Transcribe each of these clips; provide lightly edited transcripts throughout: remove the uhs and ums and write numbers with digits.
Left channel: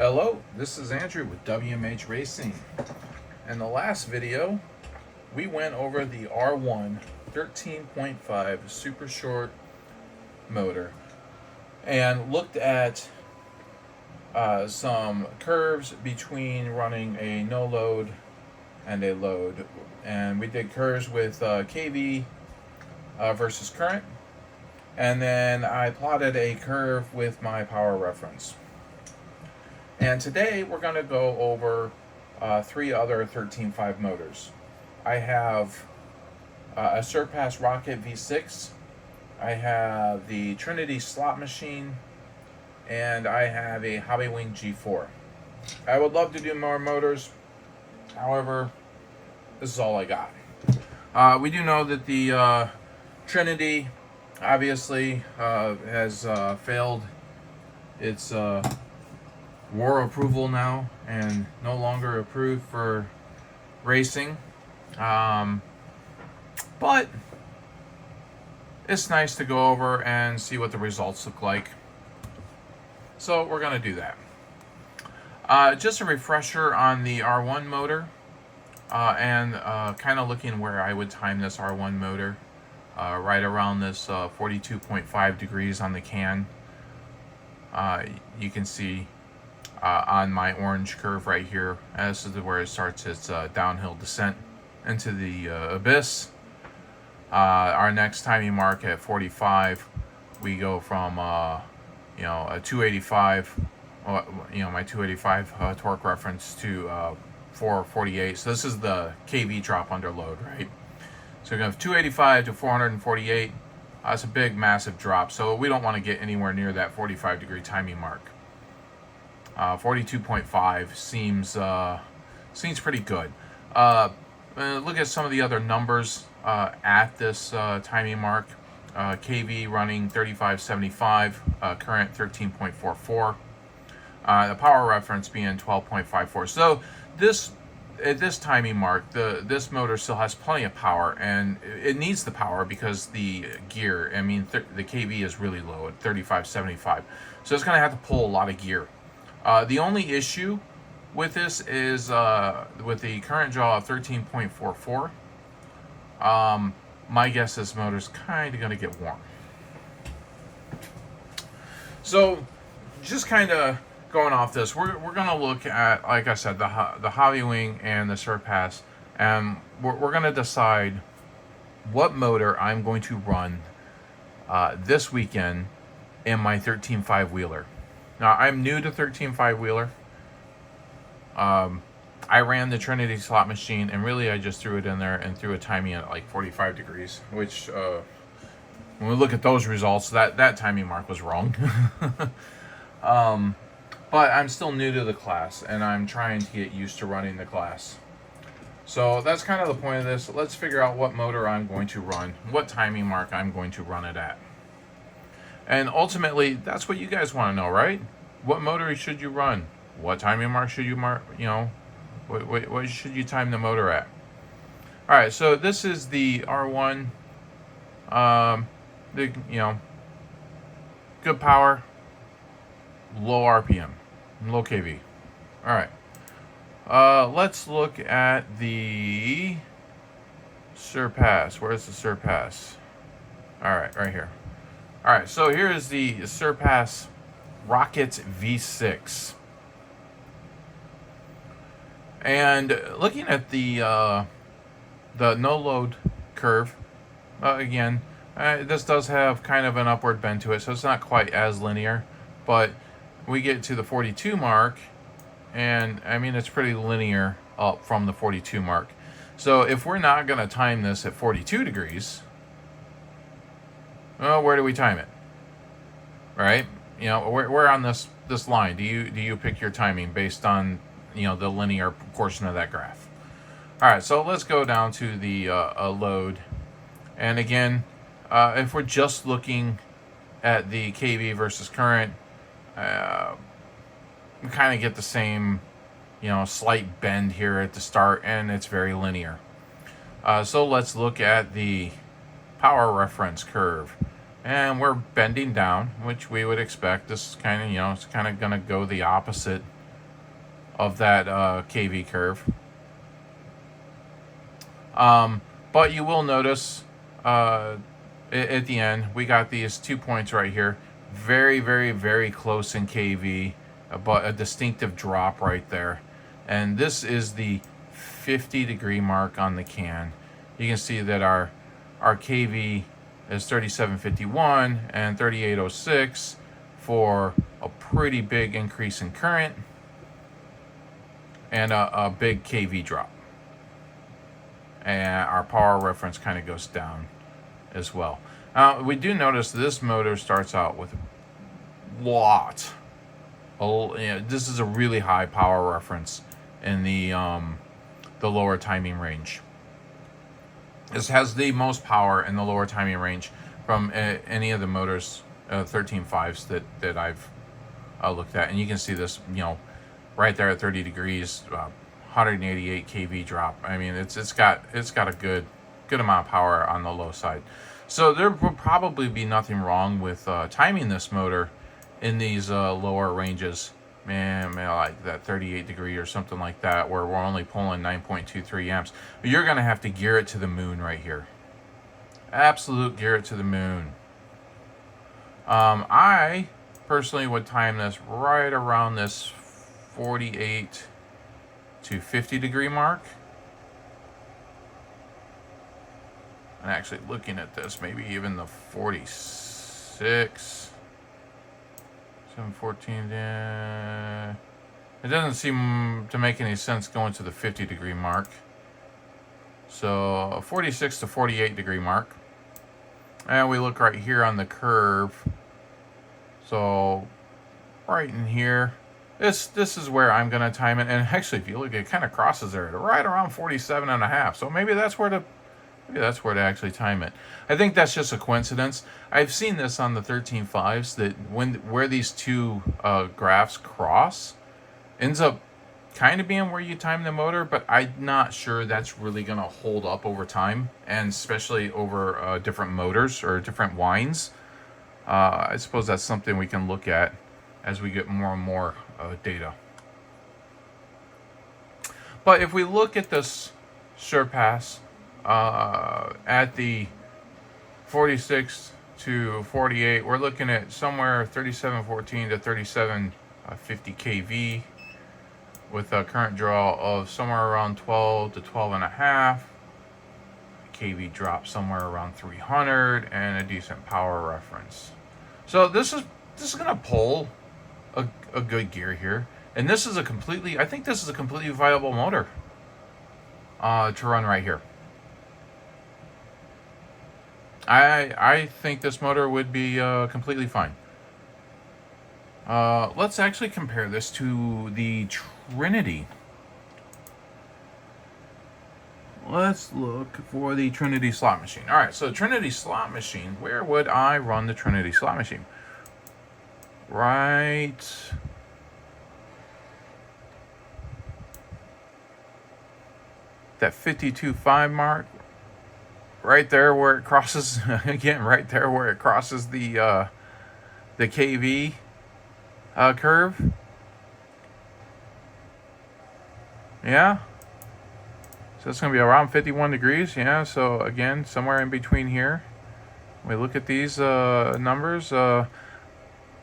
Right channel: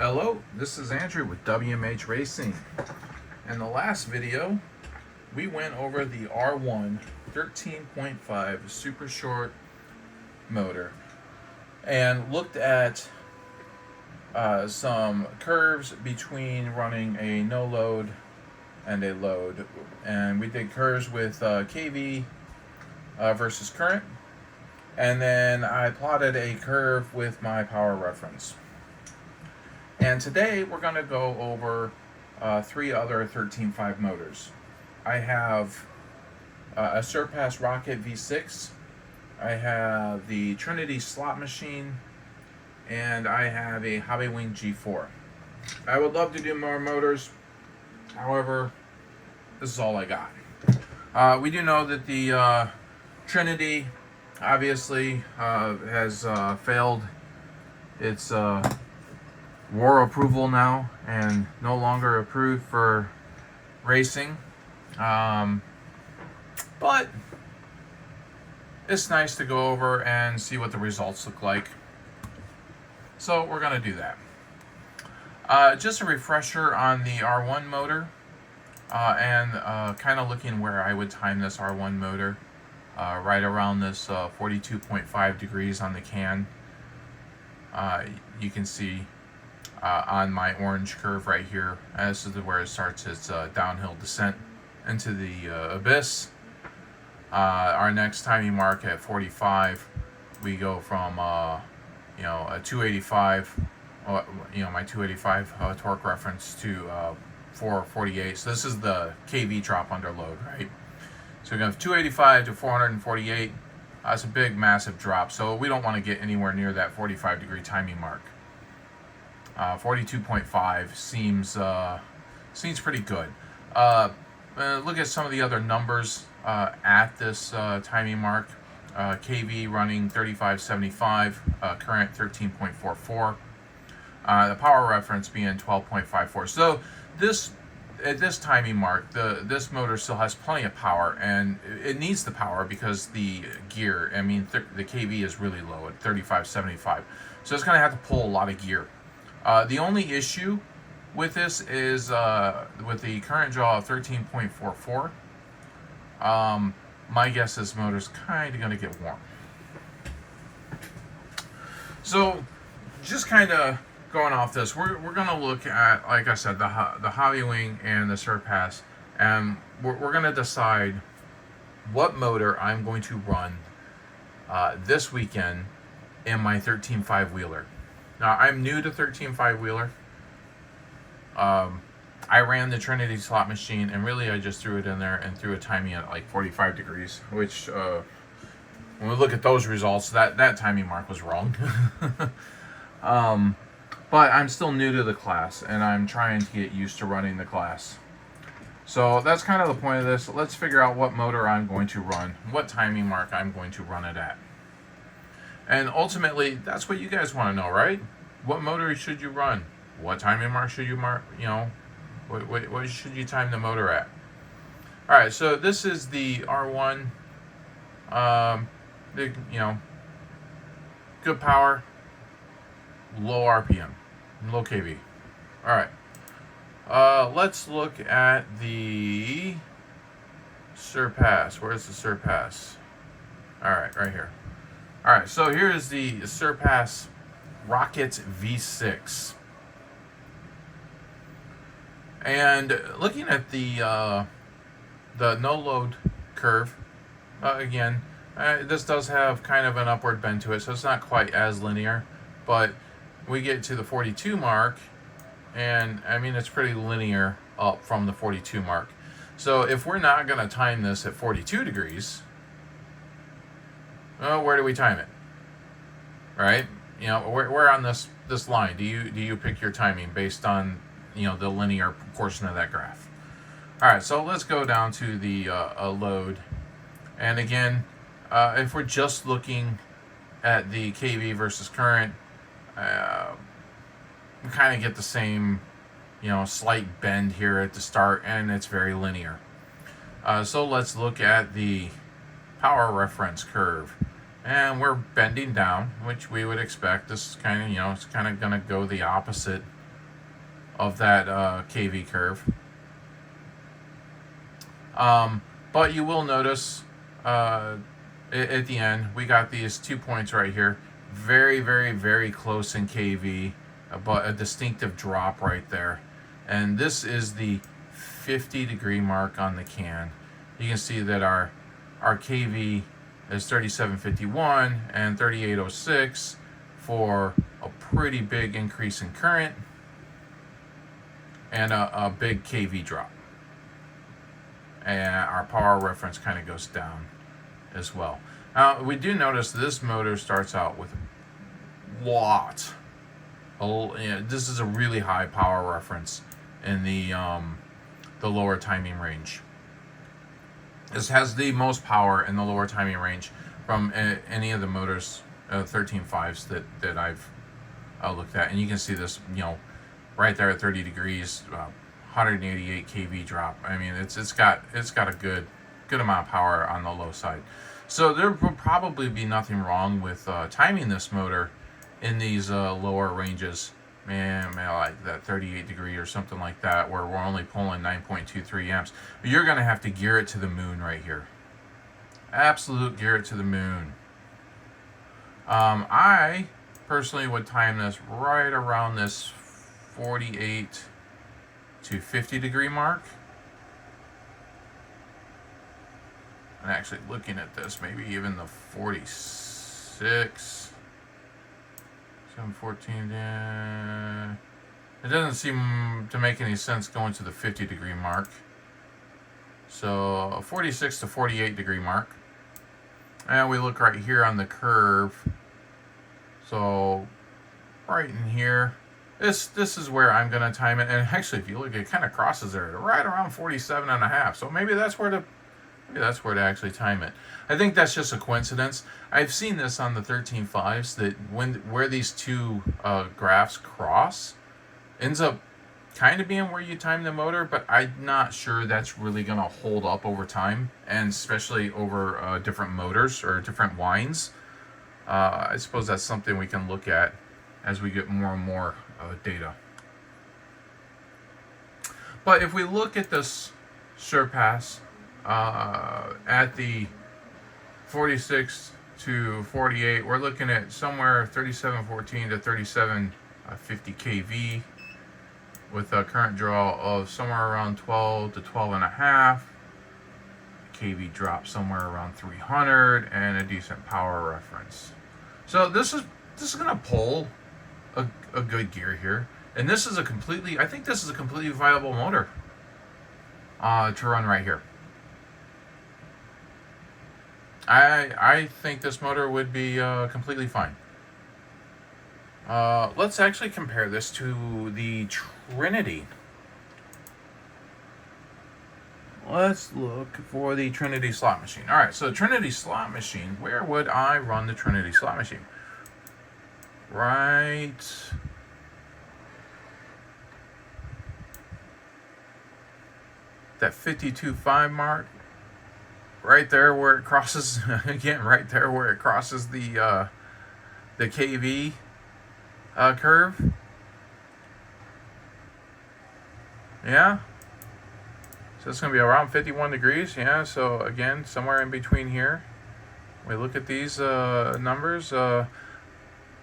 Hello, this is Andrew with WMH Racing. In the last video, we went over the R1 13.5 super short motor and looked at some curves between running a no load and a load. And we did curves with KV versus current. And then I plotted a curve with my power reference. And today we're going to go over three other 13.5 motors. I have a Surpass Rocket V6, I have the Trinity slot machine, and I have a Hobbywing G4. I would love to do more motors, however, this is all I got. We do know that the Trinity obviously has failed its war approval now and no longer approved for racing, but it's nice to go over and see what the results look like, so we're going to do that. Just a refresher on the R1 motor, and kind of looking where I would time this R1 motor, right around this 42.5 degrees on the can. You can see on my orange curve right here, and this is where it starts its downhill descent into the abyss. Our next timing mark at 45, we go from a 285, my 285 torque reference to 448. So this is the kV drop under load, right? So we're going to have 285 to 448. That's a big, massive drop. So we don't want to get anywhere near that 45 degree timing mark. 42.5 seems pretty good. Look at some of the other numbers at this timing mark. KV running 3575, current 13.44. The power reference being 12.54. So at this timing mark, this motor still has plenty of power, and it needs the power because the gear, the KV is really low at 3575. So it's going to have to pull a lot of gear. The only issue with this is with the current draw of 13.44. My guess is this motor's kind of going to get warm. So just kind of going off this, we're going to look at, like I said, the Hobbywing and the Surpass, and we're going to decide what motor I'm going to run this weekend in my 13.5 wheeler. Now, I'm new to 13.5 wheeler. I ran the Trinity slot machine, and really I just threw it in there and threw a timing at like 45 degrees, which when we look at those results, that timing mark was wrong. But I'm still new to the class, and I'm trying to get used to running the class. So that's kind of the point of this. Let's figure out what motor I'm going to run, what timing mark I'm going to run it at. And ultimately, that's what you guys want to know, right? What motor should you run? What timing mark should you mark? What should you time the motor at? All right, so this is the R1. Good power, low RPM, low KV. All right. Let's look at the Surpass. Where's the Surpass? All right, right here. All right, so here is the Surpass Rocket V6. And looking at the no load curve, again, this does have kind of an upward bend to it, so it's not quite as linear. But we get to the 42 mark, and it's pretty linear up from the 42 mark. So if we're not going to time this at 42 degrees, well, where do we time it? Right? Where on this line do you pick your timing based on the linear portion of that graph? All right, so let's go down to the load, and again, if we're just looking at the KV versus current, we kind of get the same slight bend here at the start, and it's very linear. So let's look at the power reference curve. And we're bending down, which we would expect. This is kind of, it's kind of going to go the opposite of that KV curve. But you will notice at the end, we got these 2 points right here. Very, very, very close in KV, but a distinctive drop right there. And this is the 50-degree mark on the can. You can see that our KV is 3751 and 3806 for a pretty big increase in current and a big KV drop. And our power reference kind of goes down as well. We do notice this motor starts out with a lot. This is a really high power reference in the lower timing range. This has the most power in the lower timing range from any of the motors, 13.5s that I've looked at, and you can see this, right there at 30 degrees, 188 kV drop. I mean, it's got a good amount of power on the low side. So there will probably be nothing wrong with timing this motor in these lower ranges. Man, like that 38 degree or something like that, where we're only pulling 9.23 amps. But you're gonna have to gear it to the moon right here. Absolute gear it to the moon. I personally would time this right around this 48 to 50 degree mark. And actually looking at this, maybe even the 46. 714. It doesn't seem to make any sense going to the 50 degree mark. So 46 to 48 degree mark. And we look right here on the curve. So right in here, this is where I'm going to time it. And actually, if you look, it kind of crosses there right around 47.5. So maybe that's where to actually time it. I think that's just a coincidence. I've seen this on the 13.5s that where these two graphs cross ends up kind of being where you time the motor, but I'm not sure that's really going to hold up over time, and especially over different motors or different winds. I suppose that's something we can look at as we get more and more data. But if we look at this surpass at the 46 to 48, we're looking at somewhere 3714 to 3750 kV with a current draw of somewhere around 12 to 12 and a half. kV drop somewhere around 300 and a decent power reference. So this is going to pull a good gear here, and I think this is a completely viable motor to run right here. I think this motor would be completely fine. Let's actually compare this to the Trinity. Let's look for the Trinity slot machine. All right, so Trinity slot machine, where would I run the Trinity slot machine? Right that 52.5 mark. Right there where it crosses, again, right there where it crosses the KV curve. Yeah. So it's going to be around 51 degrees. Yeah, so again, somewhere in between here. We look at these numbers.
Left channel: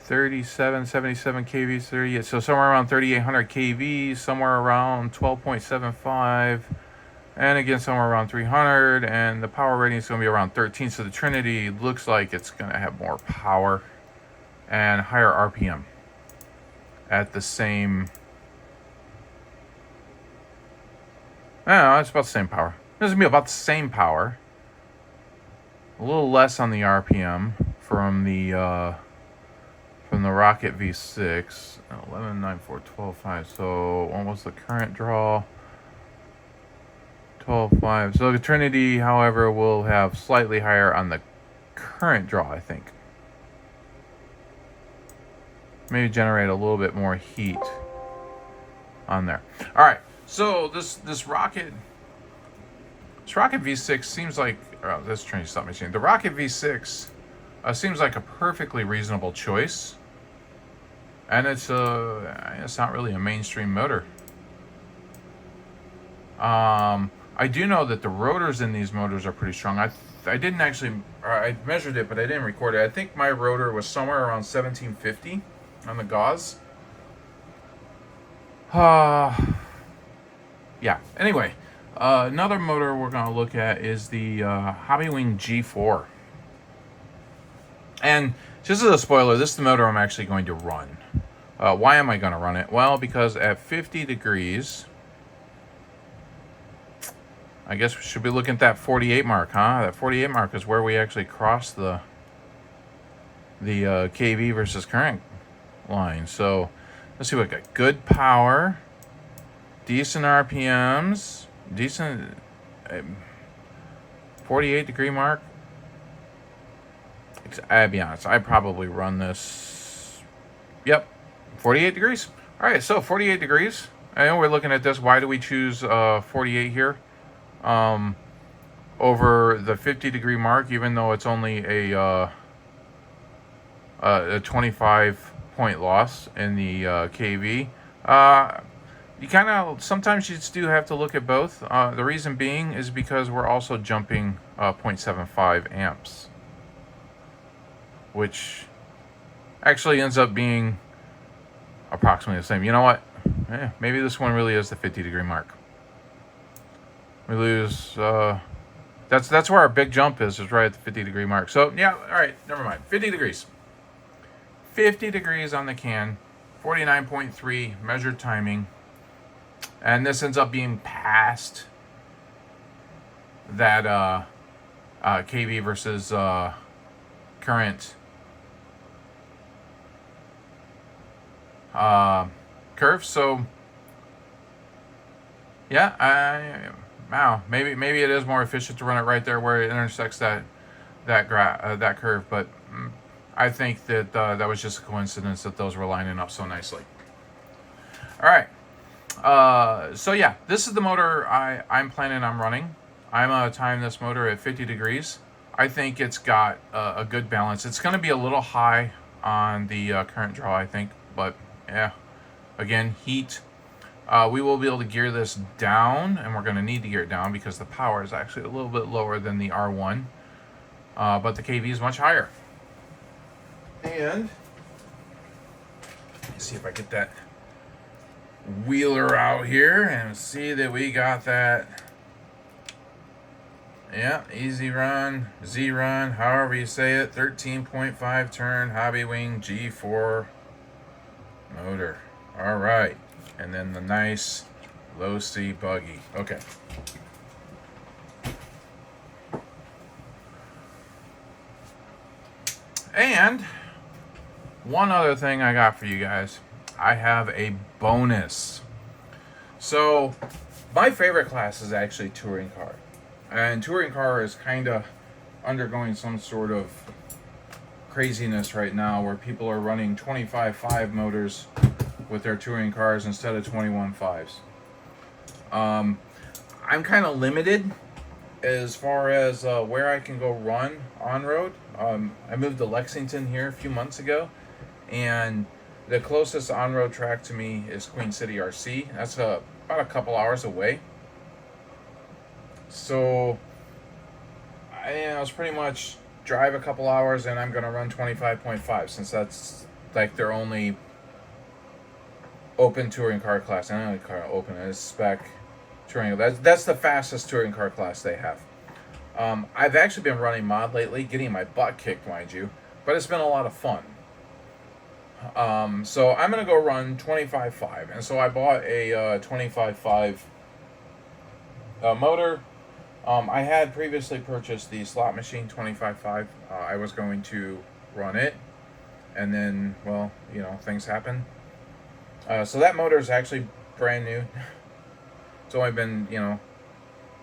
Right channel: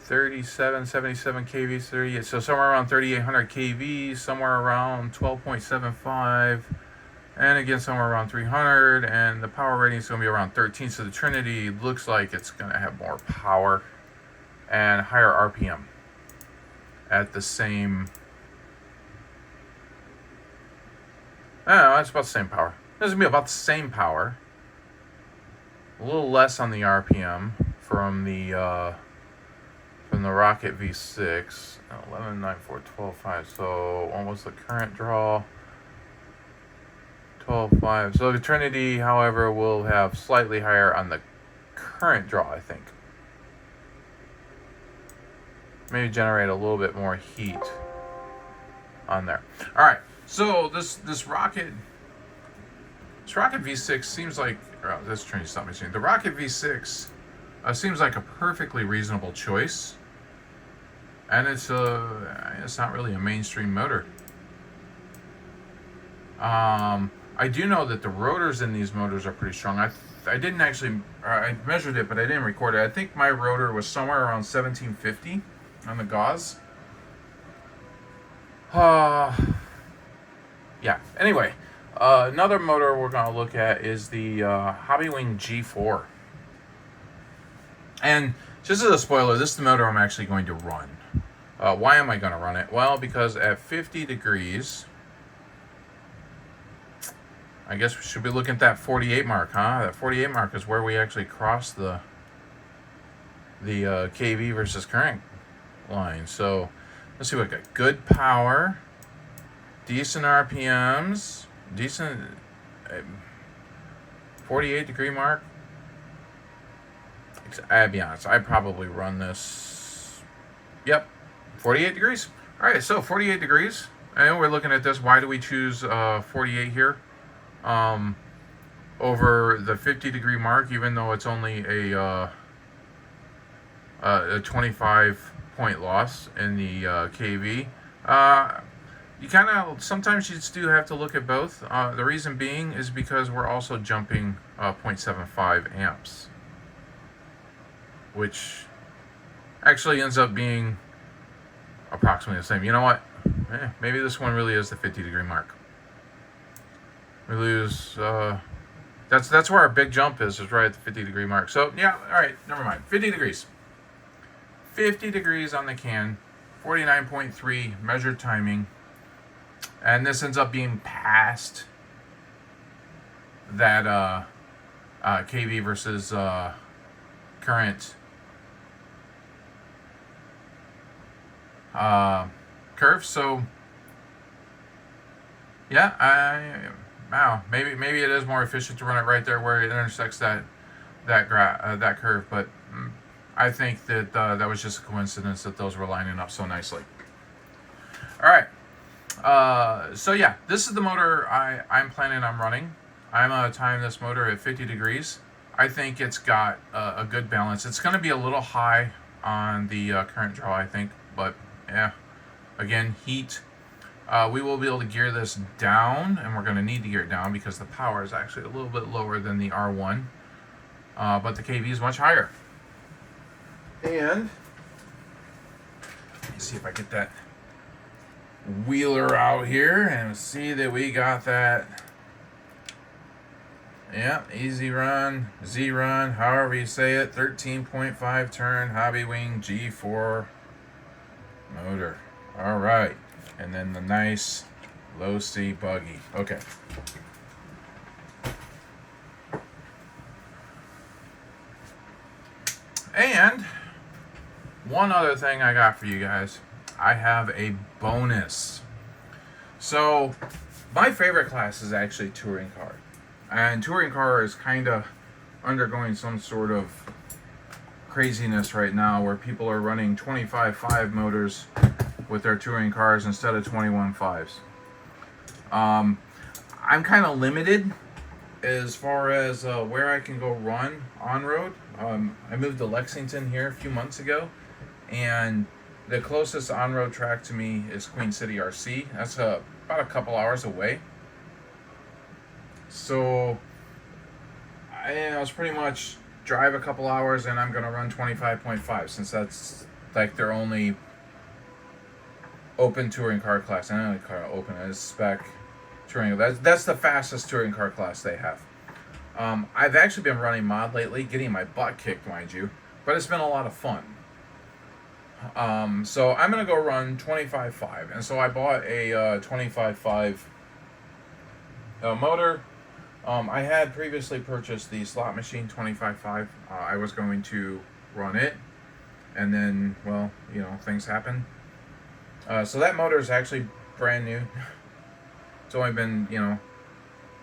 37, 77 kV, 38. So somewhere around 3,800 kV, somewhere around 12.75. And again, somewhere around 300, and the power rating is going to be around 13. So the Trinity looks like it's going to have more power and higher RPM at the same. I don't know, it's about the same power. This is going to be about the same power. A little less on the RPM from the Rocket V6. 11.94, 12.5. So almost the current draw. 12.5. So the Trinity, however, will have slightly higher on the current draw, I think. Maybe generate a little bit more heat on there. All right. So this Rocket V6 seems like this Trinity slot machine. The Rocket V6 seems like a perfectly reasonable choice, and it's not really a mainstream motor. I do know that the rotors in these motors are pretty strong. I didn't actually, I measured it, but I didn't record it. I think my rotor was somewhere around 1750 on the gauze. Yeah, anyway, another motor we're going to look at is the Hobbywing G4. And just as a spoiler, this is the motor I'm actually going to run. Why am I going to run it? Well, because at 50 degrees, I guess we should be looking at that 48 mark, huh? That 48 mark is where we actually cross the KV versus current line. So let's see what we got. Good power, decent RPMs, decent 48 degree mark. I'll be honest, I'd probably run this. Yep, 48 degrees. All right, so 48 degrees. I know we're looking at this. Why do we choose 48 here over the 50 degree mark, even though it's only a 25 point loss in the KV? You kind of, sometimes you do have to look at both. The reason being is because we're also jumping 0.75 amps, which actually ends up being approximately the same. You know what? Maybe this one really is the 50 degree mark. We lose, that's where our big jump is right at the 50 degree mark. So yeah, all right, never mind. 50 degrees. 50 degrees on the can, 49.3 measured timing. And this ends up being past that KV versus current curve. So yeah, wow, maybe it is more efficient to run it right there where it intersects that curve. But I think that that was just a coincidence that those were lining up so nicely. All right. So yeah, this is the motor I'm planning on running. I'm going to time this motor at 50 degrees. I think it's got a good balance. It's going to be a little high on the current draw, I think, but yeah, again, heat. We will be able to gear this down, and we're going to need to gear it down because the power is actually a little bit lower than the R1, but the KV is much higher. And let's see if I get that wheeler out here and see that we got that. Yeah, easy run, Z run, however you say it. 13.5 turn Hobbywing G4 motor. All right, and then the nice low C buggy. Okay. And one other thing I got for you guys. I have a bonus. So my favorite class is actually touring car. And touring car is kind of undergoing some sort of craziness right now where people are running 25.5 motors with their touring cars instead of 21.5s. I'm kind of limited as far as where I can go run on road. I moved to Lexington here a few months ago, and the closest on-road track to me is Queen City RC. That's about a couple hours away. So I was pretty much drive a couple hours and I'm going to run 25.5 since that's like their only open touring car class. I don't know car open, it's spec touring. That's the fastest touring car class they have. I've actually been running mod lately, getting my butt kicked, mind you, but it's been a lot of fun. So I'm going to go run 25.5. And so I bought a 25.5 motor. I had previously purchased the slot machine 25.5. I was going to run it. And then, well, you know, things happen. So that motor is actually brand new. It's only been, you know,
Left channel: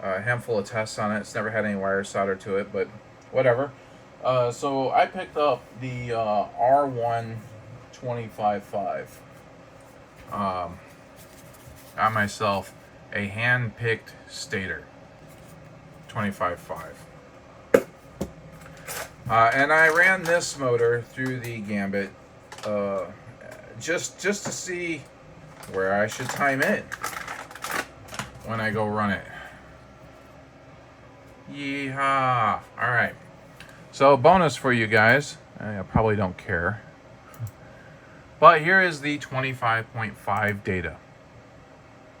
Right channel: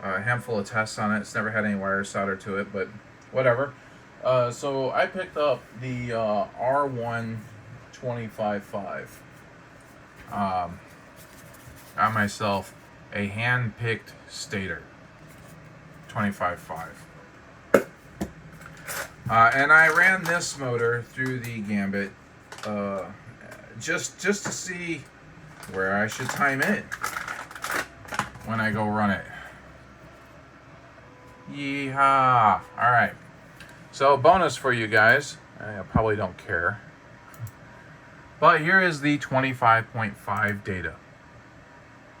a handful of tests on it. It's never had any wires soldered to it, but whatever. So I picked up the R1 25.5. Got myself a hand-picked stator 25.5. And I ran this motor through the gambit just to see where I should time it. when I go run it. Yeehaw! All right. So bonus for you guys. I probably don't care. But here is the 25.5 data.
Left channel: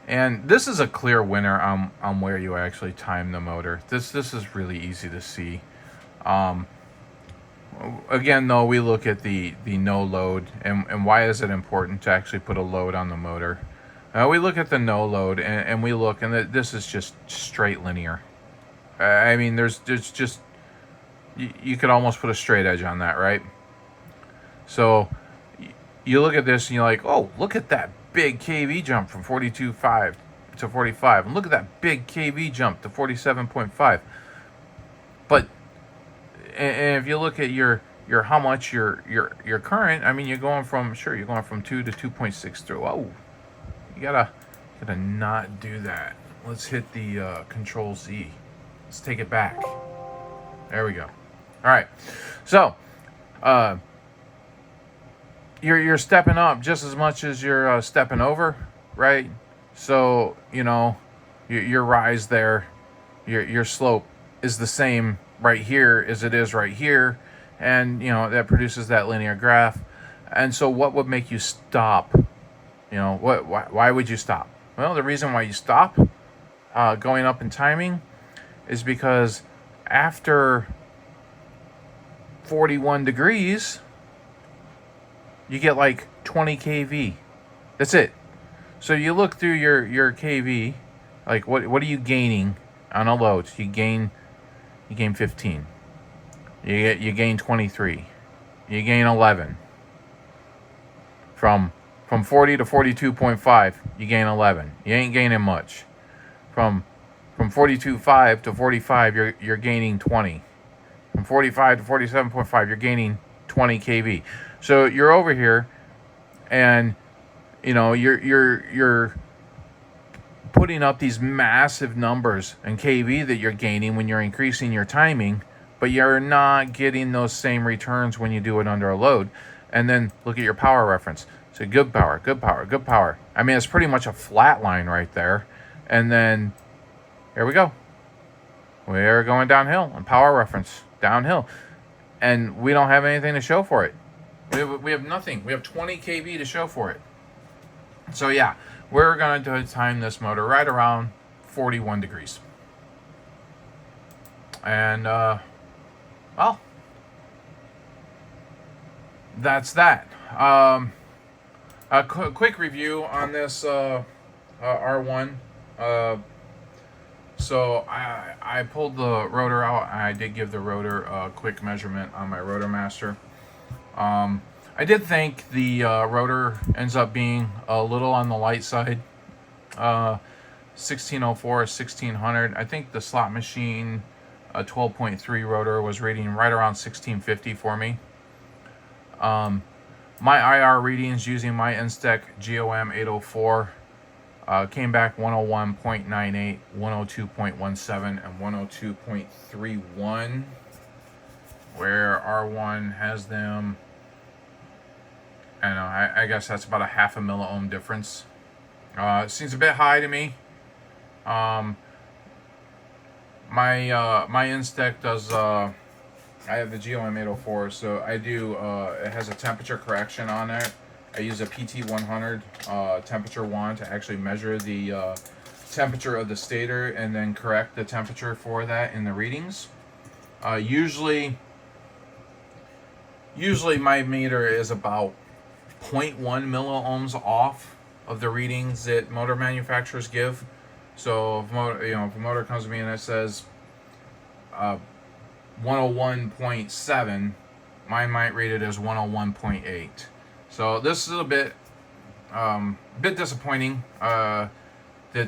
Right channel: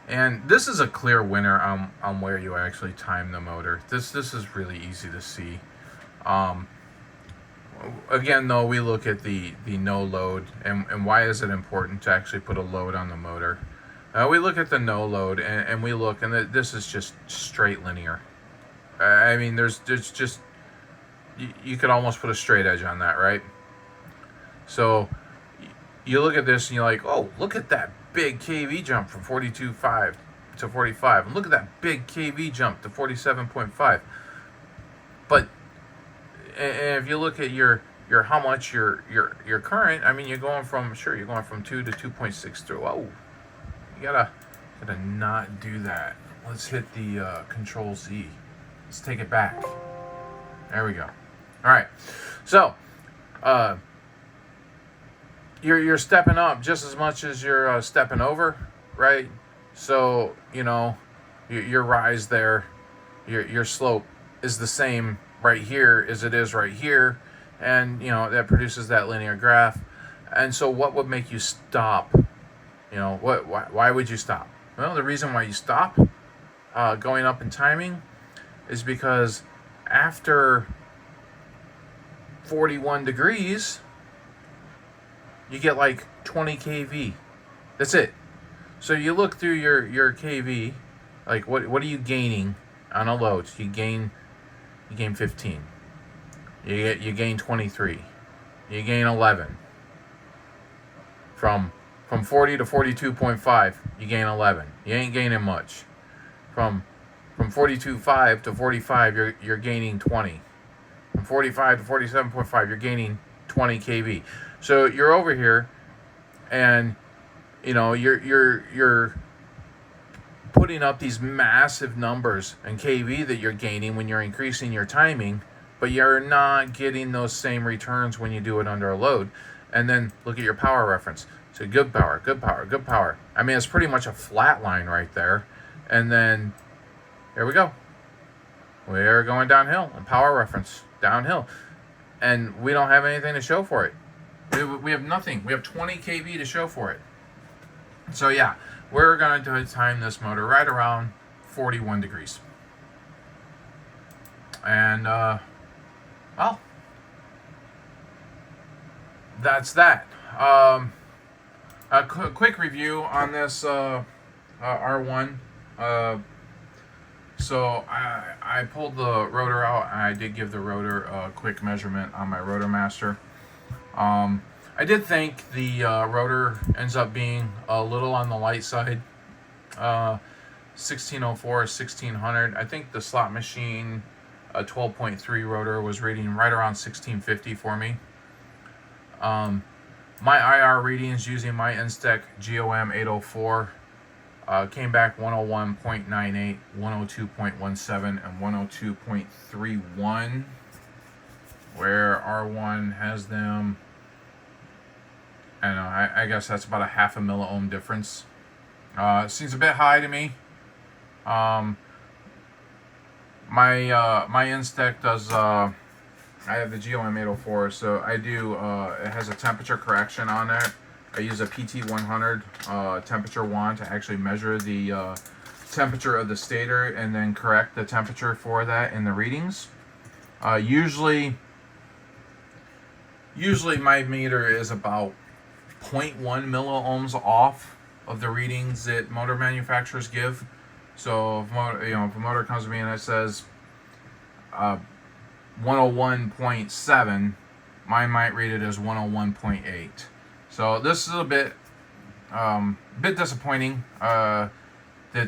And this is a clear winner on where you actually time the motor. This is really easy to see. Again, though, we look at the no load. And why is it important to actually put a load on the motor? We look at the no load, and we look, and this is just straight linear. I mean, there's just, you could almost put a straight edge on that, right? So you look at this and you're like, oh, look at that big KV jump from 42.5 to 45. And look at that big KV jump to 47.5. But, and if you look at your how much your current, I mean, you're going from 2 to 2.63. Oh, you gotta not do that. Let's hit the Control Z. Let's take it back. There we go. All right. So, you're stepping up just as much as you're stepping over, right? So, you know, your rise there, your slope is the same right here as it is right here, and you know that produces that linear graph. And so, what would make you stop? You know, why would you stop? Well, the reason why you stop going up in timing is because after 41 degrees, you get like 20 kV. That's it. So you look through your kV, like what are you gaining on a load? You gain 15. You gain 23. You gain 11. From 40 to 42.5, you gain 11. You ain't gaining much. From 42.5 to 45, you're gaining 20. From 45 to 47.5, you're gaining 20 kV. So you're over here, and you know you're putting up these massive numbers in kV that you're gaining when you're increasing your timing, but you're not getting those same returns when you do it under a load. And then look at your power reference. So good power, good power, good power. I mean, it's pretty much a flat line right there. And then here we go. We're going downhill on power reference, downhill. And we don't have anything to show for it. We have nothing. We have 20 kV to show for it. So yeah, we're going to time this motor right around 41 degrees. And, well, that's that. A quick review on this R1. So I pulled the rotor out. I did give the rotor a quick measurement on my Rotor Master. I did think the rotor ends up being a little on the light side. 1604, 1600. I think the slot machine, a 12.3 rotor, was reading right around 1650 for me. My IR readings using my Instec GOM 804 came back 101.98, 102.17, and 102.31, where R1 has them. I don't know, I guess that's about a half a milliohm difference. Seems a bit high to me. My Instec does, I have the GOM 804, so I do, it has a temperature correction on it. I use a PT100 temperature wand to actually measure the temperature of the stator and then correct the temperature for that in the readings. Usually my meter is about 0.1 milliohms off of the readings that motor manufacturers give. So if a motor comes to me and it says 101.7, mine might read it as 101.8. So this is a bit disappointing that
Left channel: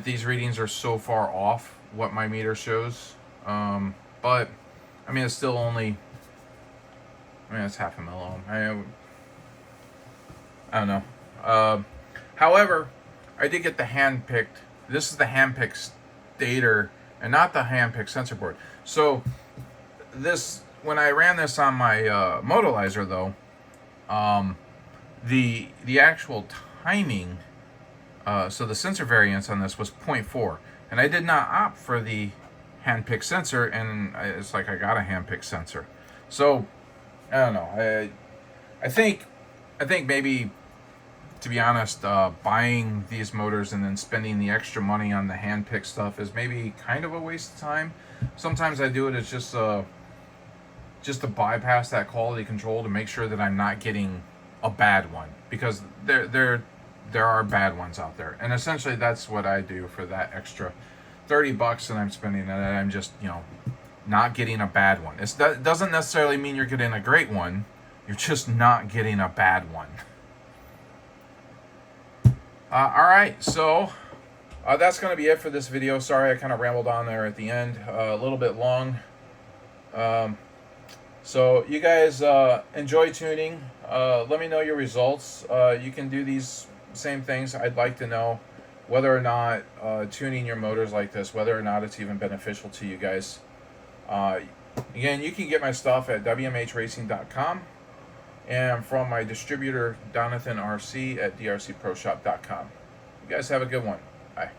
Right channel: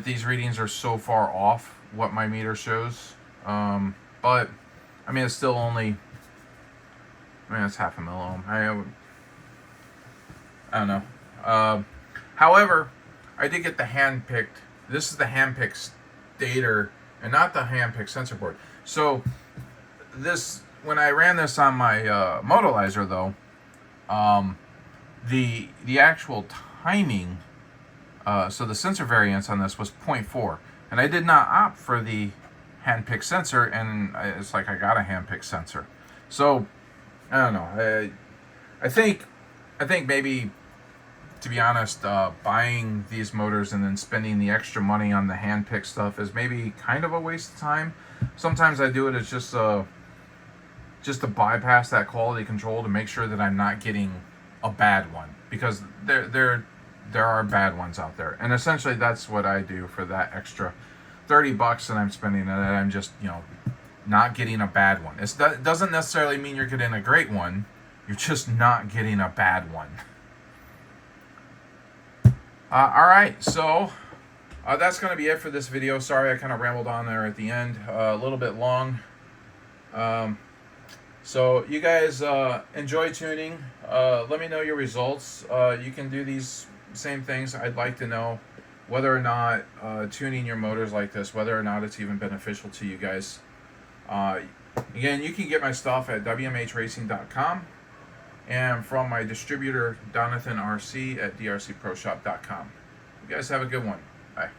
these readings are so far off what my meter shows. But I mean, it's still only, it's half a milliohm. I don't know. However, I did get the hand-picked. This is the hand-picked stator and not the hand-picked sensor board. So this, when I ran this on my Motolizer though, the actual timing So the sensor variance on this was 0.4, and I did not opt for the hand-picked sensor, and it's like I got a hand-picked sensor. So I don't know. I think maybe, to be honest, buying these motors and then spending the extra money on the hand-picked stuff is maybe kind of a waste of time. Sometimes I do it as just to bypass that quality control to make sure that I'm not getting a bad one, because there are bad ones out there, and essentially that's what I do for that extra $30 that I'm spending, and I'm just, you know, not getting a bad one. That doesn't necessarily mean you're getting a great one. You're just not getting a bad one. All right, so that's going to be it for this video. Sorry, I kind of rambled on there at the end, a little bit long. So you guys enjoy tuning. Let me know your results. You can do these same things. I'd like to know whether or not tuning your motors like this, whether or not it's even beneficial to you guys. Again, you can get my stuff at WMHRacing.com and from my distributor, Donathan RC, at drcproshop.com. You guys have a good one. Bye.